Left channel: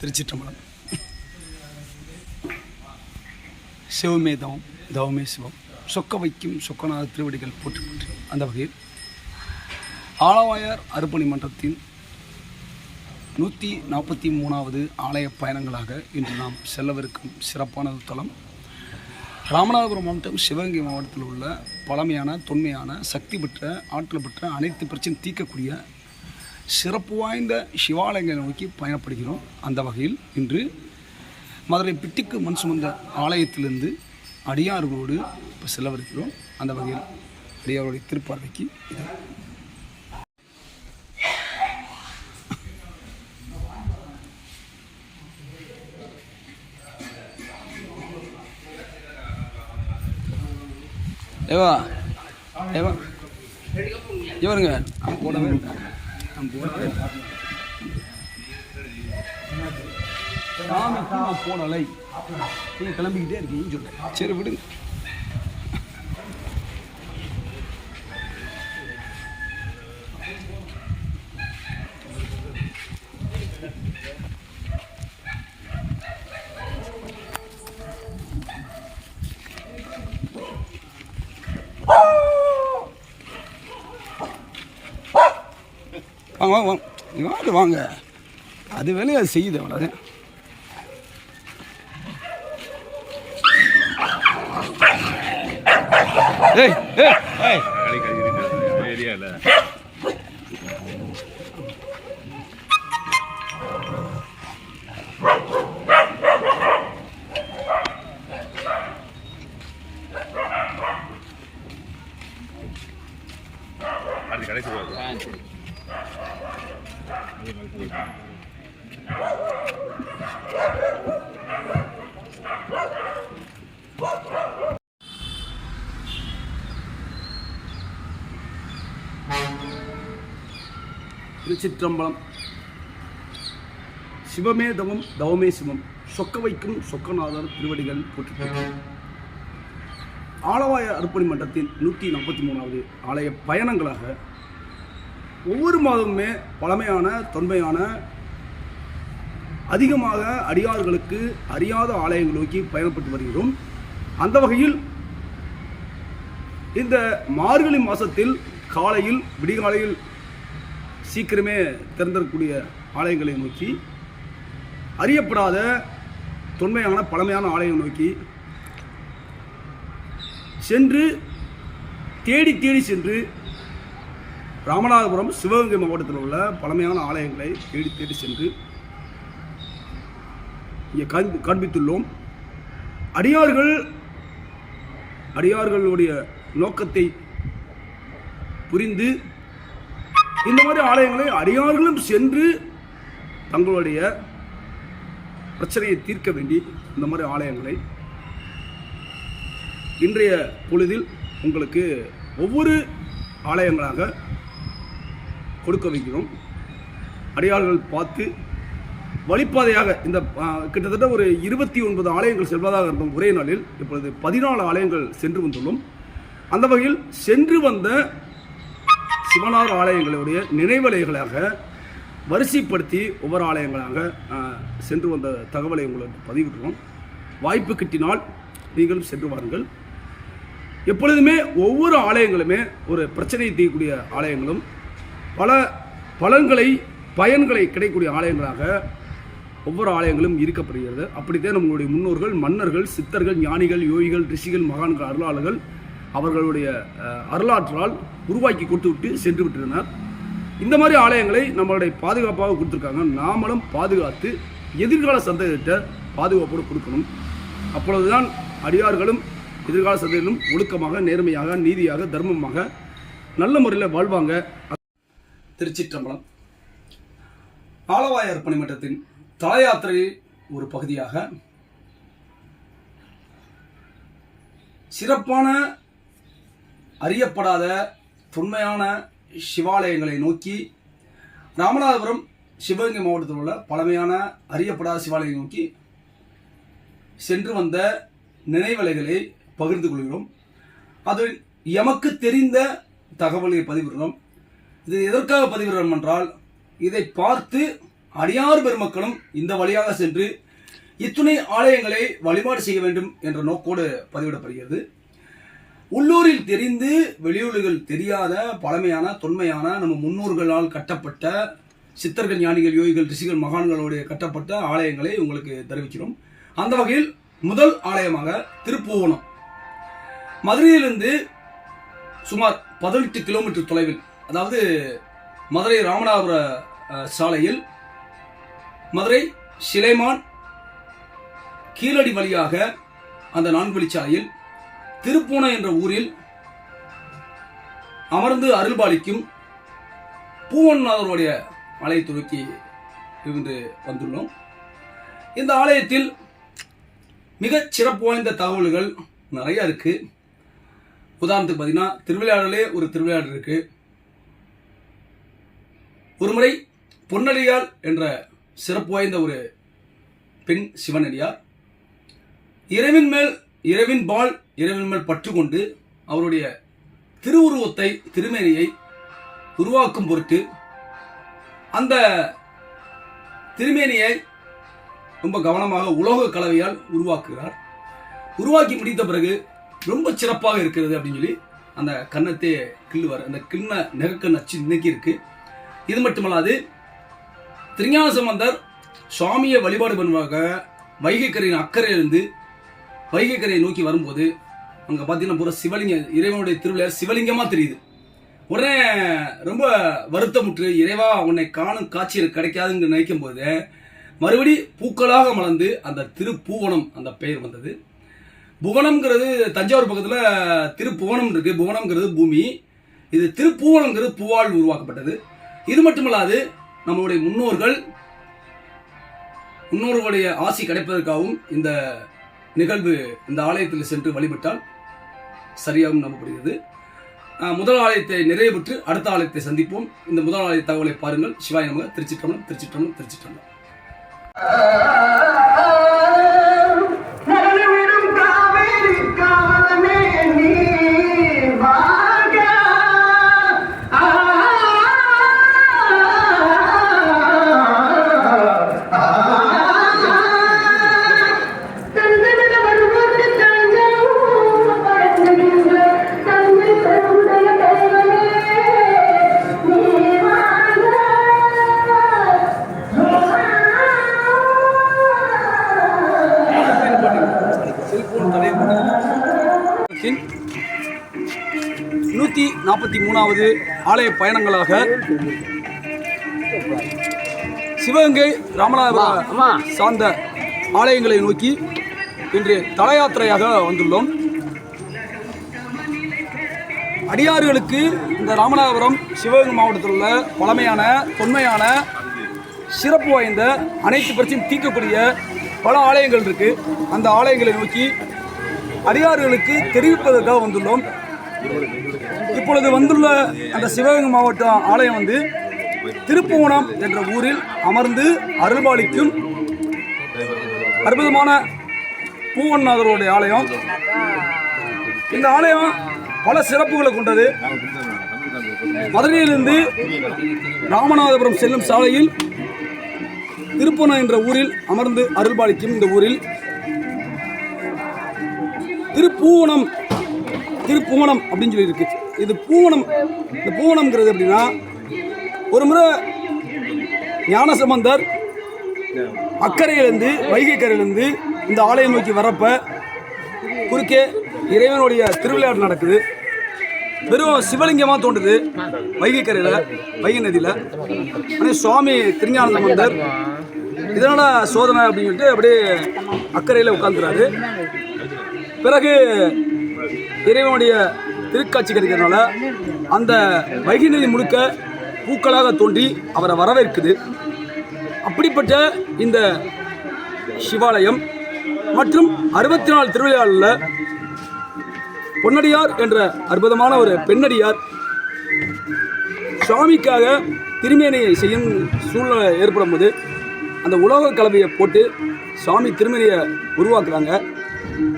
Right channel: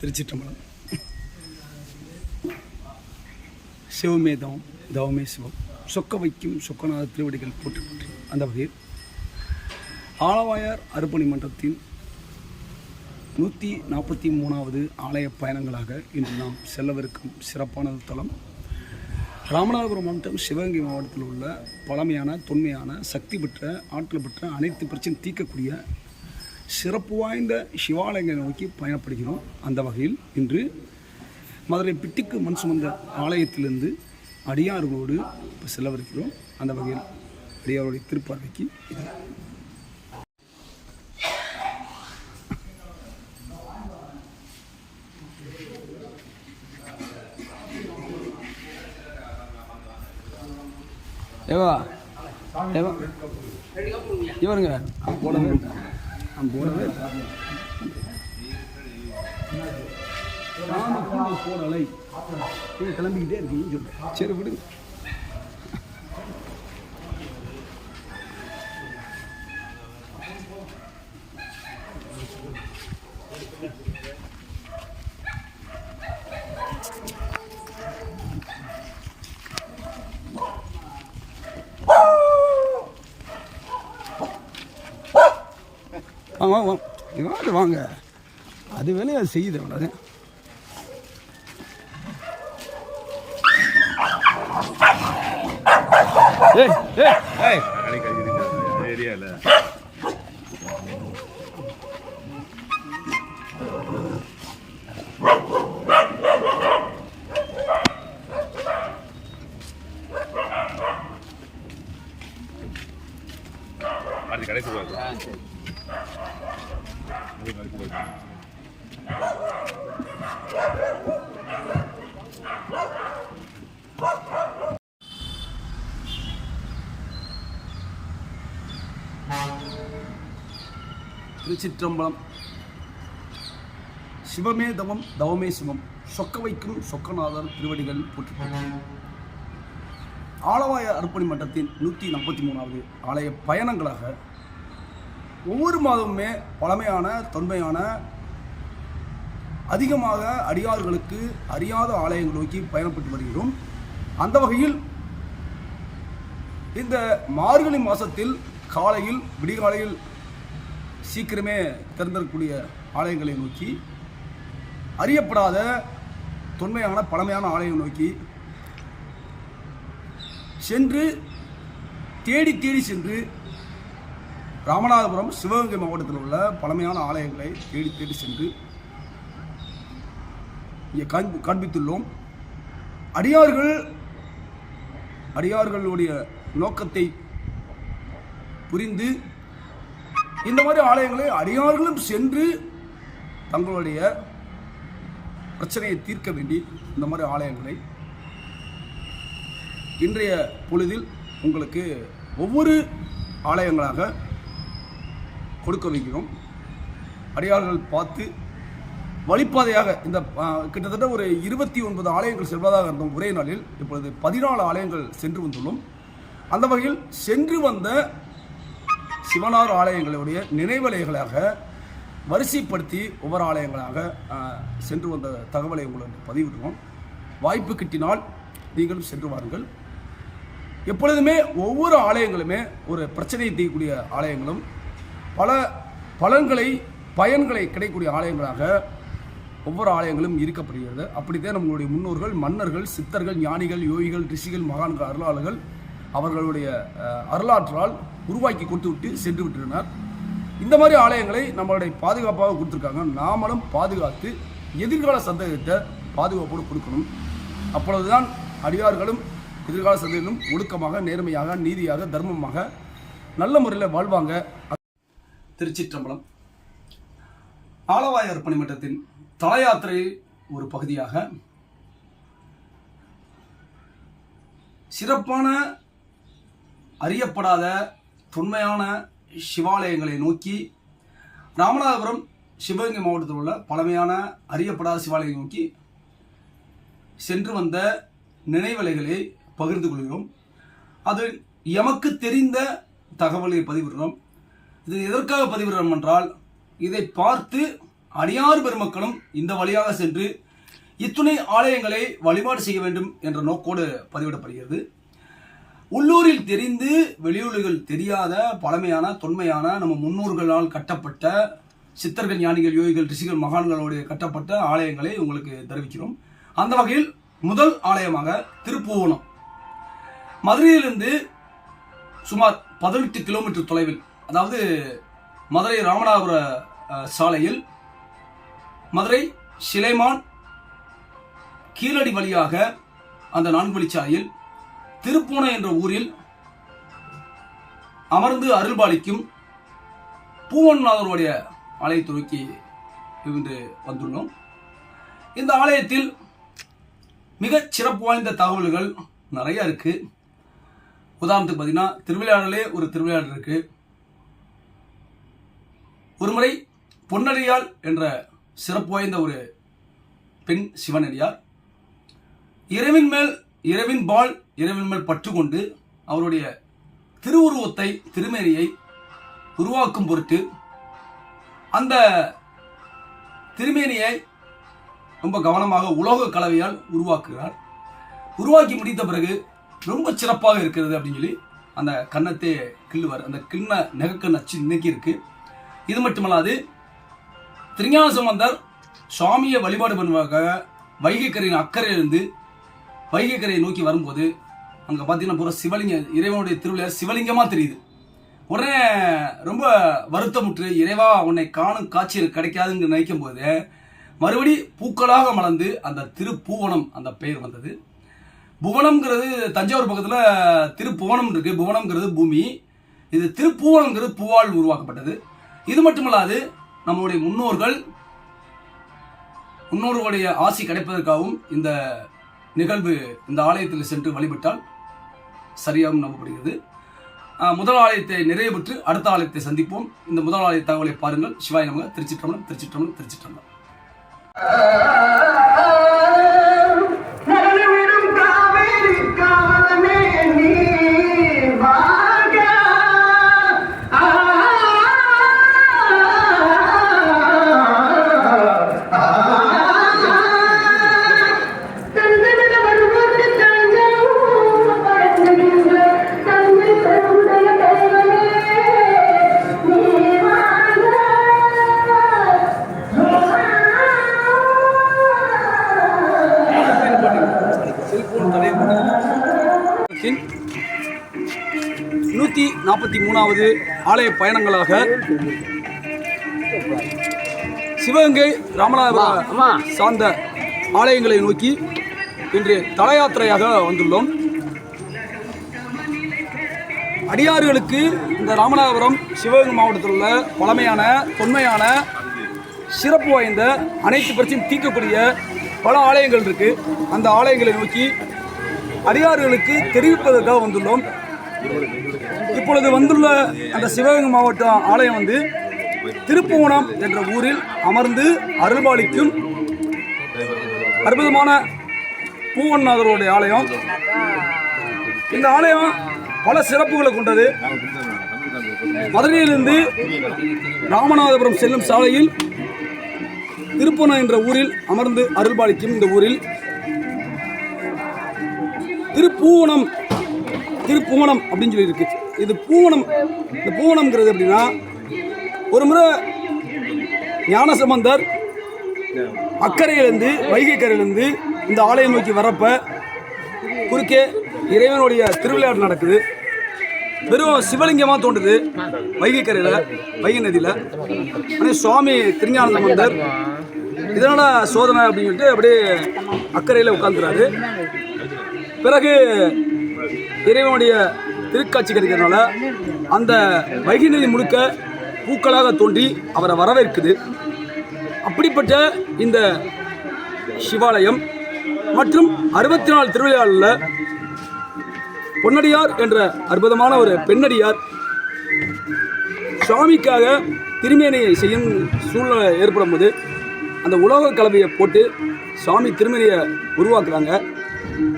திருச்சிற்றம்பலம். சிவமே தவம் தவமே சிவம். சொக்க வைக்கும் சொக்கநாத திருவடிகள் போற்றி போற்றி. அந்த வகையில் ஆலவாயார் அர்ப்பணி மன்றத்தின் நூற்றி நாற்பத்தி மூணாவது ஆலய பயணங்களாக இன்று நாம் செல்லவிருக்கும் சிறப்பான தலம். ராமநாதபுரம் மாவட்டம் சிவகங்கை மாவட்டத்தில் உள்ள பழமையான தொன்மையான சக்தி பெற்ற ஆற்றல் பெற்ற அனைத்து பிரச்சனையும் தீர்க்கக்கூடிய சிறப்பு வாய்ந்த சிவாலயங்களை நோக்கி பயணப்படுகிறோம். அந்த வகையில் இன்று மதுரை பிட்டிக்கு மண் சுமந்த ஆலயத்திலிருந்து அடியார்களோடு இப்போ செல்லவிருக்கிறோம். அந்த வகையில் அடியாருடைய திருப்பார்வைக்கு இது. ஏவா ஏவா இவருங்க. போடவே சாமிக்கு நான் போடலை. நீங்கள் கிளம்பிக்கிட்டே இருக்கீங்கன்னு சொல்கிறேன் சரி விடுங்க. வாங்க வாங்க வாங்க. வாங்க. அது வேலையை அது செய்யுது அவ்வளோ ஏய் ஏய் ஏய். ஏரியாவில் அடுத்து கடைசி போகுது திருச்சிற்றம்பலம் சிவமே தவம் தவமே சிவம் சொக்க வைக்கும் சொக்கநாதர் திருவடிகள் போற்றி. ஆலவாய அர்ப்பணி மன்றத்தின் நூற்றி நாற்பத்தி மூணாவது ஆலய பயணங்களாக ஒவ்வொரு மாதமுமே பழமையான தொன்மையான அதிகமாக அடியார்களுக்கு அறியாத ஆலயங்கள் நோக்கி பயணப்பட்டு வருகிறோம். அந்த வகையில் இந்த மார்கழி மாதத்தில் காலையில் விடிகாலையில் சீக்கிரமே திறந்திருக்கக்கூடிய ஆலயங்களை நோக்கி அறியப்படாத தொன்மையான பழமையான ஆலயங்கள் நோக்கி சென்று தேடி தேடி சென்று ராமநாதபுரம் சிவகங்கை மாவட்டத்தில் உள்ள பழமையான ஆலயங்களை தேடி தேடி சென்று இங்கே காண்பித்துள்ளோம். அடியார்கள் அடியார்களுடைய நோக்கத்தை புரிந்து இந்த மாதிரி ஆலயங்களை அடியார்களும் சென்று தங்களுடைய பிரச்சனையை தீர்க்க வேண்டி இந்த மாதிரி ஆலயங்களை இன்றைய பொழுதில் உங்களுக்கு ஒவ்வொரு ஆலயங்களாக கொடுக்க வைக்கிறோம். அடியார்கள் பார்த்து வழிப்பாதையாக இந்த கிட்டத்தட்ட ஒரு இருபத்தி ஒன்பது ஆலயங்கள் செல்வதாக இருந்தோம் ஒரே நாளில். இப்பொழுது பதினாலு ஆலயங்கள் சென்று வந்துள்ளோம். அந்த வகையில் சென்று வந்த சிவனார் ஆலயங்களுடைய நினைவலைகளாக வரிசைப்படுத்தி ஒவ்வொரு ஆலயங்களாக சென்று வந்த தகவலை உங்களுக்கு பதிவிடுறோம் வாய்ப்பு கிட்டினால் நீங்களும் சென்று வாருங்கள். எப்பொழுதுமே ஒவ்வொரு ஆலயங்களுமே ஒரு பிரச்சனையை தீர்க்கக்கூடிய ஆலயங்களும் பல பலன்களை பயன்களை கிடைக்கக்கூடிய ஆலயங்களாக ஒவ்வொரு ஆலயங்களும் இருக்கப்படுகிறது அப்படித்தான் நம்மளுடைய முன்னோர்கள் மன்னர்கள் சித்தர்கள் ஞானிகள் யோகிகள் ரிஷிகள் மகான்கள் அருளாளர்கள் அவர்களுடைய அருளாற்றால் உருவாக்கி கொடுத்து விட்டு சென்று விட்டுள்ளனர் இந்த மாதிரி ஆலயங்களை நம்மளுடைய பாதுகாப்பாக கொடுத்துருக்காங்க. நாமளும் பாதுகாத்து எதிர்கால சந்ததியிட்ட பாதுகாப்போடு கொடுக்கணும். அப்பொழுதுதான் அடியார்களும் எதிர்கால சந்ததியிலும் ஒழுக்கமாக நேர்மையாக நீதியாக தர்மமாக நல்ல முறையில் வாழ்வாங்க. திருச்சிற்றம்பலம். ஆலவாயர் பணிமன்றத்தின் தலையாத்திரை ஒரு பகுதியாக சிறப்பான அறியப்படாத தொன்மையான சிவாலயங்களை நோக்கி ராமநாதபுரம் சிவகங்கை மாவட்டத்தில் உள்ள பழமையான அறியப்படாத சிவாலயங்களை நோக்கி சென்று வந்த நினைவலைகளை பகிர்ந்து கொள்கிறோம். அது எமக்கு தெரிந்த தகவலை பதிவிடுறோம் இது எதற்காக பதிவிடுறோம் என்றால் இதை பார்த்து அடியார் பெருமக்களும் இந்த வழியாக சென்று இத்துணை ஆலயங்களை வழிபாடு செய்ய வேண்டும் என்ற நோக்கோடு பதிவிடப்படுகிறது. உள்ளூரில் தெரிந்து வெளியூர்கள் தெரியாத பழமையான தொன்மையான நம்ம முன்னோர்களால் கட்டப்பட்ட சித்தர்கள் ஞானிகள் யோகிகள் ரிஷிகள் மகான்களுடைய கட்டப்பட்ட ஆலயங்களை உங்களுக்கு தெரிவிக்கிறோம். அந்த வகையில் முதல் ஆலயமாக திருப்புவனம் மதுரையிலிருந்து சுமார் பதினெட்டு கிலோமீட்டர் தொலைவில் அதாவது மதுரை ராமநாதபுர சாலையில் மதுரை சிலைமான் கீழடி வழியாக அந்த நான்கு வழிச்சாலையில் திருப்பூனை என்ற ஊரில் அமர்ந்து அருள்பாலிக்கும் பூவன்நாதருடைய ஆலயத்தை துவக்கி இருந்து வந்துள்ளோம். இந்த ஆலயத்தில் மிகச் சிறப்பு வாய்ந்த தகவல்கள் நிறைய இருக்கு. உதாரணத்துக்கு பார்த்தீங்கன்னா திருவிளையாடலே ஒரு திருவிளையாடல் இருக்குது ஒருமுறை பொன்னடியால் என்ற சிறப்பு வாய்ந்த ஒரு பெண் சிவனடியார் இரவின் மேல் இரவின் பால் இரவின் மேல் பற்று கொண்டு அவருடைய திருவுருவத்தை திருமேனியை உருவாக்கும் பொருட்டு அந்த திருமேனியை ரொம்ப கவனமாக உலோக கலவையால் உருவாக்குகிறார். உருவாக்கி முடித்த பிறகு ரொம்ப சிறப்பாக இருக்கிறது அப்படின்னு சொல்லி அந்த கன்னத்தை கிள்ளுவார் அந்த கிண்ண நெகக்கண் அச்சு இன்னைக்கு இருக்குது இது மட்டுமல்லாது திருஞான சம்பந்தர் சுவாமியை வழிபாடு பண்ணுவாங்க வைகைக்கரையின் அக்கறையிலிருந்து வைகைக்கரையை நோக்கி வரும்போது அங்கே பார்த்தீங்கன்னா பூரா சிவலிங்க இறைவனுடைய திருவிழா சிவலிங்கமாக தெரியுது. உடனே ரொம்ப வருத்தமுற்று இறைவா உன்னை காணும் காட்சியில் கிடைக்காதுன்னு நினைக்கும் போது மறுபடி பூக்களாக மலர்ந்து அந்த திருப்பூவனம் அந்த பெயர் வந்தது. புவனம்ங்கிறது தஞ்சாவூர் பக்கத்தில் திருப்புவனம் இருக்குது புவனம்ங்கிறது பூமி. இது திருப்பூவனம்ங்கிறது பூவால் உருவாக்கப்பட்டது. இது மட்டுமல்லாது நம்மளுடைய முன்னோர்கள் முன்னோர்களுடைய ஆசி கிடைப்பதற்காகவும் இந்த நிகழ்வு இந்த ஆலயத்தில் சென்று வழிபட்டால் சரியாகவும் நம்பப்படுகிறது. முதல் ஆலயத்தை நிறைவு பெற்று அடுத்த ஆலயத்தை சந்திப்போம். இந்த முதல் ஆலய தகவலை பாருங்கள். சிவாய நமக. திருச்சிற்றம்பலம் திருச்சிற்றம்பலம் திருச்சிற்றம்பலம். நூற்றி நாற்பத்தி மூணாவது ஆலய பயணங்களாக சிவகங்கை ராமநாதபுரம் சார்ந்த ஆலயங்களை நோக்கி இன்று தல யாத்திரையாக வந்துள்ளோம். அடியார்களுக்கு இந்த ராமநாதபுரம் சிவகங்கை மாவட்டத்தில் உள்ள பழமையான தொன்மையான சிறப்பு வாய்ந்த அனைத்து பிரச்சனையும் தீர்க்கக்கூடிய பல ஆலயங்கள் இருக்கு. அந்த ஆலயங்களை நோக்கி அதிகாரிகளுக்கு தெரிவிப்பதற்காக வந்துள்ளோம். இப்பொழுது வந்துள்ள அந்த சிவகங்கை மாவட்டம் ஆலயம் வந்து திருப்புவனம் என்ற ஊரில் அமர்ந்து அருள்பாலிக்கும் அற்புதமான பூவன்நாதருடைய ஆலயம். இந்த ஆலயம் பல சிறப்புகளை கொண்டது. மதுரையிலிருந்து ராமநாதபுரம் செல்லும் சாலையில் திருப்பூனம் என்ற ஊரில் அமர்ந்து அருள்பாலிக்கும் இந்த ஊரில் திருப்பூவனம். திருப்பூவனம் அப்படின்னு சொல்லி இருக்கு இது பூவனம். இந்த பூவனம்ங்கிறது எப்படின்னா ஒரு முறை ஞானசம்பந்தர் அக்கறையிலேருந்து வைகை கரையிலேருந்து இந்த ஆலயம் நோக்கி வரப்ப குறுக்கே இறைவனுடைய திருவிளையாட்டு நடக்குது. வெறும் சிவலிங்கமாக தோன்றுது வைகை கரையில் வைகை நதியில். ஆனால் சுவாமி திருஞான சம்பந்தர் இதனால சோதனை அப்படின்னு சொல்லிட்டு அப்படியே அக்கறையில் உட்காந்துறாரு பிறகு இறைவனுடைய திருக்காட்சி கிடைக்கிறதுனால அந்த வைகை நதி முழுக்க பூக்களாக தோன்றி அவரை வரவேற்குது. அப்படிப்பட்ட இந்த சிவாலயம் மற்றும் அறுபத்தி நாலு திருவிழாவில் பொன்னடியார் என்ற அற்புதமான ஒரு பெண்ணடியார் சுவாமிக்காக திருமேனியை செய்யும் சூழ்நிலை ஏற்படும் போது அந்த உலோக கலவையை போட்டு சுவாமி திருமேனியை உருவாக்குறாங்க.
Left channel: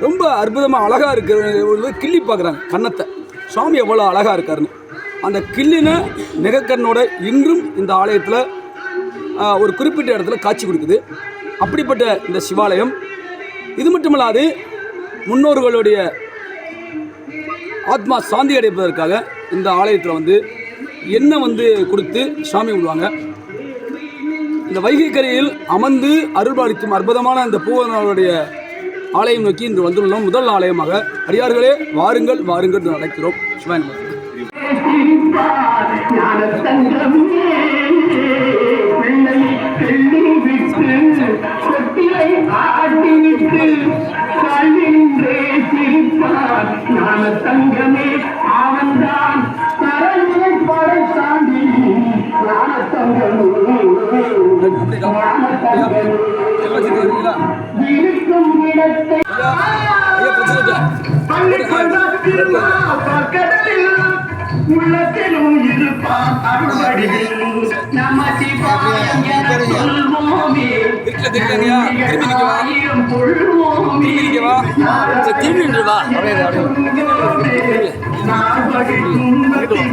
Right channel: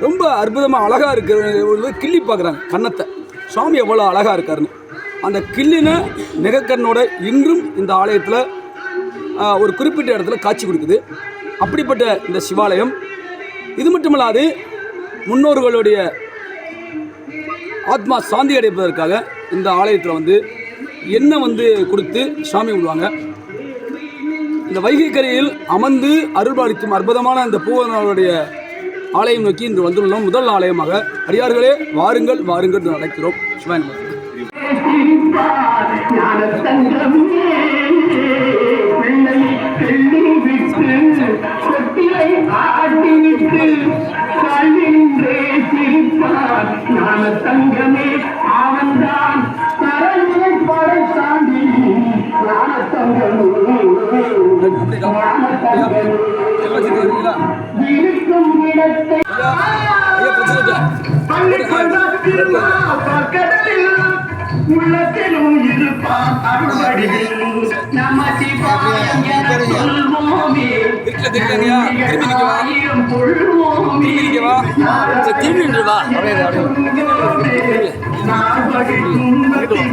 ரொம்ப அற்புதமாக அழகாக இருக்கிற கிள்ளி பார்க்குறாங்க கன்னத்தை. சுவாமி எவ்வளோ அழகாக இருக்காருன்னு. அந்த கிள்ளின நிகக்கண்ணோட இன்றும் இந்த ஆலயத்தில் ஒரு குறிப்பிட்ட இடத்துல காட்சி கொடுக்குது. அப்படிப்பட்ட இந்த சிவாலயம். இது மட்டுமல்லாது முன்னோர்களுடைய ஆத்மா சாந்தி அடைப்பதற்காக இந்த ஆலயத்தில் வந்து எண்ணெய் வந்து கொடுத்து சாமி விடுவாங்க இந்த வைகை கரையில் அமர்ந்து அருள்பாலிக்கும் அற்புதமான இந்த பூவனாருடைய ஆலயம் நோக்கி இன்று வந்துள்ளோம். முதல் ஆலயமாக அடியார்களே வாருங்கள் வாருங்கள் என்று அழைக்கிறோம். சிரிப்பார் ஞானத்தங்கமே அவன்தான் படைத்தாண்டி இருக்கும் இடத்தை உள்ளத்திலும் இருப்பான் அருள்வடிவில் நம என சொல்வோமே ஆயிரம் கொள்வோமே திரும்பி துன்பத்தில்